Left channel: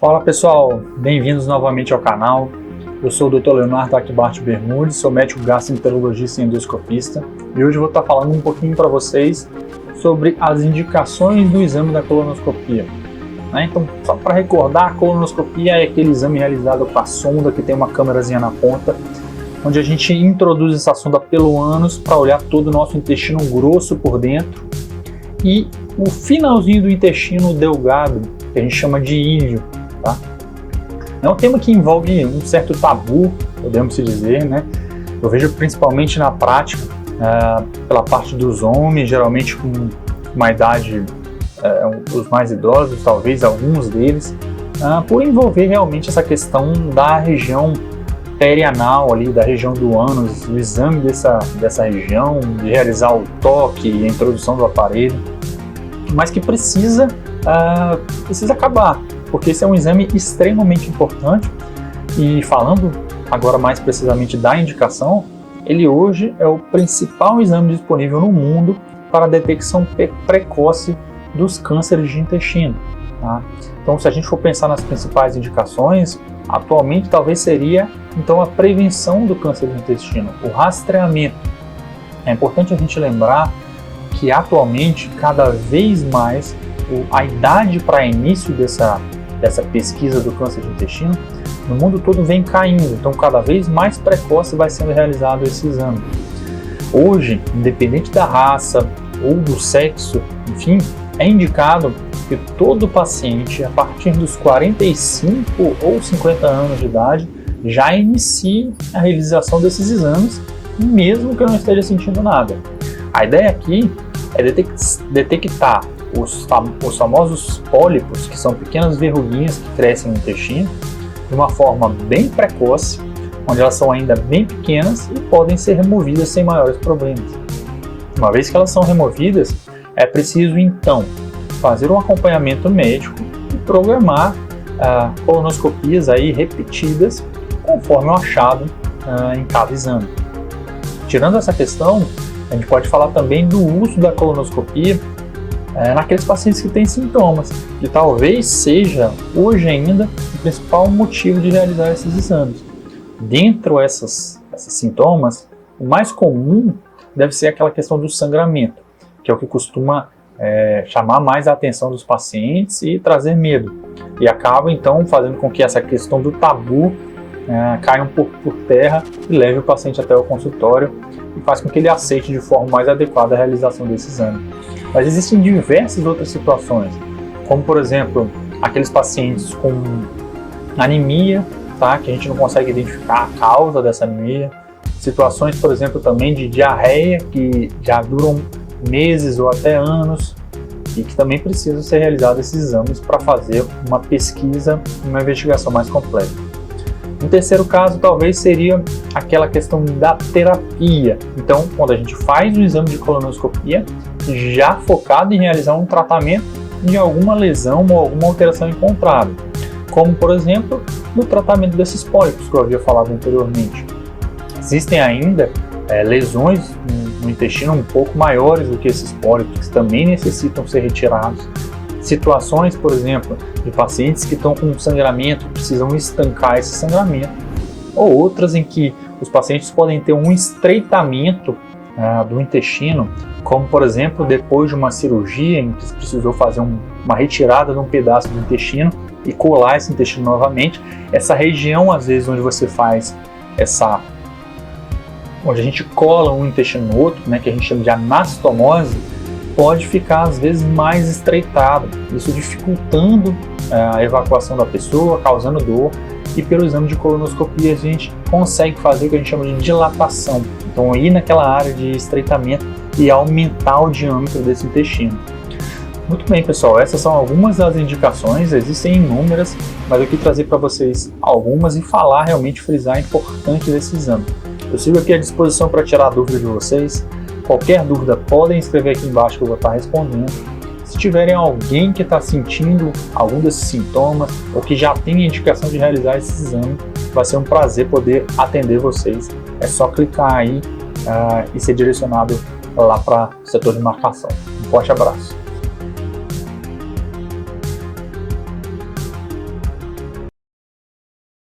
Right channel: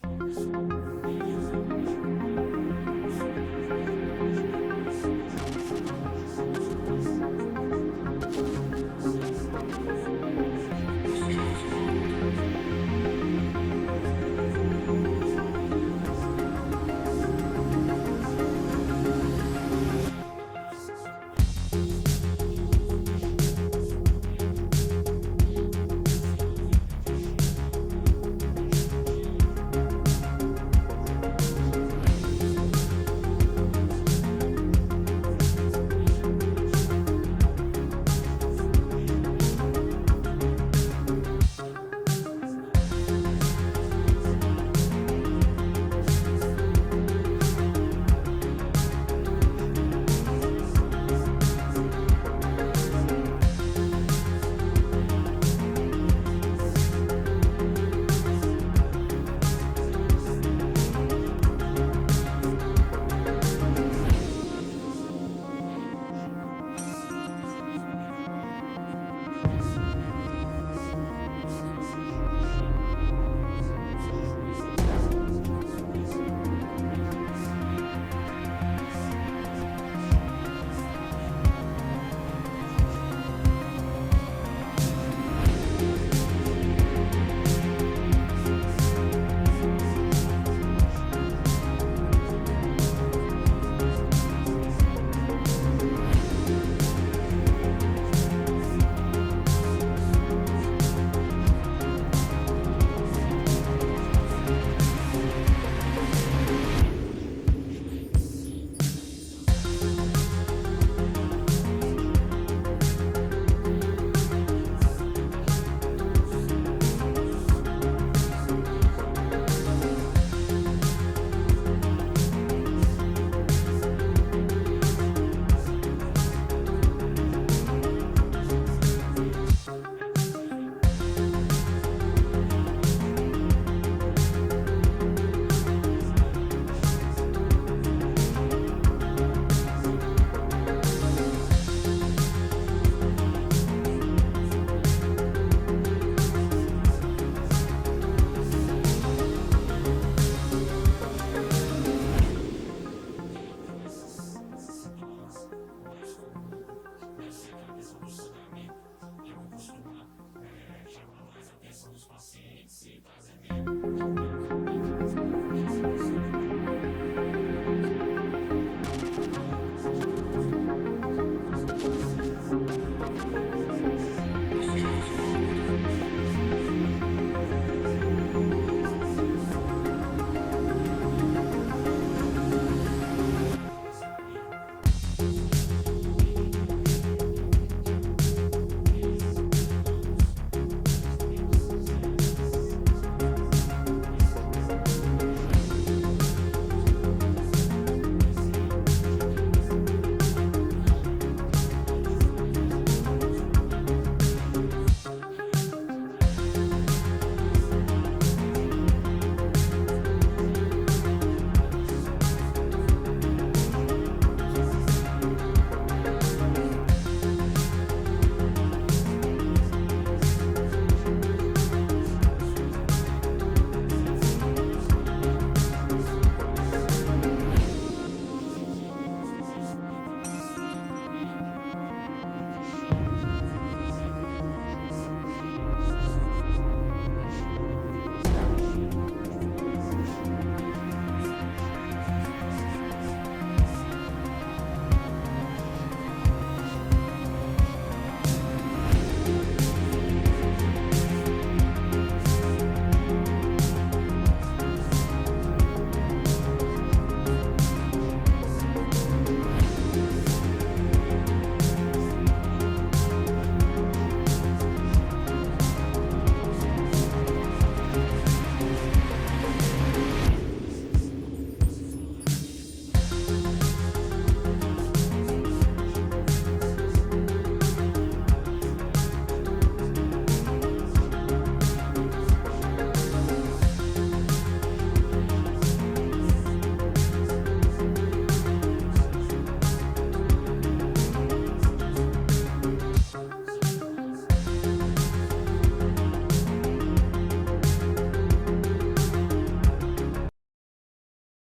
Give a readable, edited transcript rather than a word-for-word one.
Fala pessoal, bem-vindos novamente ao canal. Eu sou o Dr. Leonardo Akbart Bermudes, sou médico gastroenterologista e endoscopista e hoje eu vou estar falando um pouquinho para vocês sobre as indicações do exame da colonoscopia. Então, só para recordar, a colonoscopia é aquele exame realizado com a sonda que tem uma câmerazinha na ponta, onde a gente introduz essa sonda pelo ânus para olhar todo o nosso intestino grosso por dentro e o finalzinho do intestino delgado, que a gente chama de íleo. Tá? É um tema que envolve um certo tabu, podemos dizer, né? Eu vejo principalmente na prática, pela parte dos homens, geralmente com uma idade, os mais idosos, talvez alguns deles, por envolver realmente essa questão da região perianal, ali, da região do ânus, o exame dessa região, de realizar o toque e a introdução do aparelho, mas que precisa acabar, porque esse é um exame extremamente importante. E falando agora mais precisamente da indicação, ele hoje é o principal exame disponível no mundo para a detecção precoce dos cânceres de intestino. Tá? Então, se a gente for pensar nas principais indicações, atualmente talvez seria então a prevenção do câncer do intestino, o rastreamento. É importante a gente lembrar que atualmente, cada vez mais, a idade para início dessa pesquisa do câncer do intestino no mundo todo vem caindo, então cada vez mais precoce vai sendo realizado esse exame. Hoje, independente da raça ou do sexo, enfim, é indicado que todo paciente, a partir dos 45 ou 50 anos de idade, já inicie a realização desses exames, mesmo que eu não esteja sentindo nada. A ideia aqui é detectar os famosos pólipos, que são pequenas verruguinhas que crescem no intestino, de uma forma bem precoce, onde elas são ainda bem pequenas e podem ser removidas sem maiores problemas. Uma vez que elas são removidas, é preciso então fazer um acompanhamento médico e programar colonoscopias aí repetidas conforme o achado em cada exame. Tirando essa questão, a gente pode falar também do uso da colonoscopia naqueles pacientes que têm sintomas, que talvez seja, hoje ainda, o principal motivo de realizar esses exames. Dentre esses sintomas, o mais comum deve ser aquela questão do sangramento, que é o que costuma chamar mais a atenção dos pacientes e trazer medo. E acaba, então, fazendo com que essa questão do tabu caia um pouco por terra e leve o paciente até o consultório e faz com que ele aceite de forma mais adequada a realização desse exame. Mas existem diversas outras situações, como por exemplo, aqueles pacientes com anemia, tá? Que a gente não consegue identificar a causa dessa anemia, situações, por exemplo, também de diarreia, que já duram meses ou até anos e que também precisam ser realizados esses exames para fazer uma pesquisa e uma investigação mais completa. Um terceiro caso talvez seria aquela questão da terapia. Então, quando a gente faz um exame de colonoscopia, já focado em realizar um tratamento de alguma lesão ou alguma alteração encontrada, como por exemplo, no tratamento desses pólipos que eu havia falado anteriormente. Existem ainda lesões no intestino um pouco maiores do que esses pólipos, que também necessitam ser retirados. Situações, por exemplo, de pacientes que estão com sangramento, precisam estancar esse sangramento, ou outras em que os pacientes podem ter um estreitamento do intestino, como por exemplo, depois de uma cirurgia em que se precisou fazer uma retirada de um pedaço do intestino e colar esse intestino novamente. Essa região, às vezes, onde você faz onde a gente cola um intestino no outro, né, que a gente chama de anastomose, pode ficar às vezes mais estreitado, isso dificultando a evacuação da pessoa, causando dor, e pelo exame de colonoscopia a gente consegue fazer o que a gente chama de dilatação, então ir naquela área de estreitamento e aumentar o diâmetro desse intestino. Muito bem, pessoal, essas são algumas das indicações, existem inúmeras, mas eu quis trazer para vocês algumas e falar, realmente frisar a importância desse exame. Eu sigo aqui à disposição para tirar a dúvida de vocês. Qualquer dúvida, podem escrever aqui embaixo que eu vou estar respondendo. Se tiverem alguém que está sentindo algum desses sintomas ou que já tem a indicação de realizar esse exame, vai ser um prazer poder atender vocês. É só clicar aí e ser direcionado lá para o setor de marcação. Um forte abraço.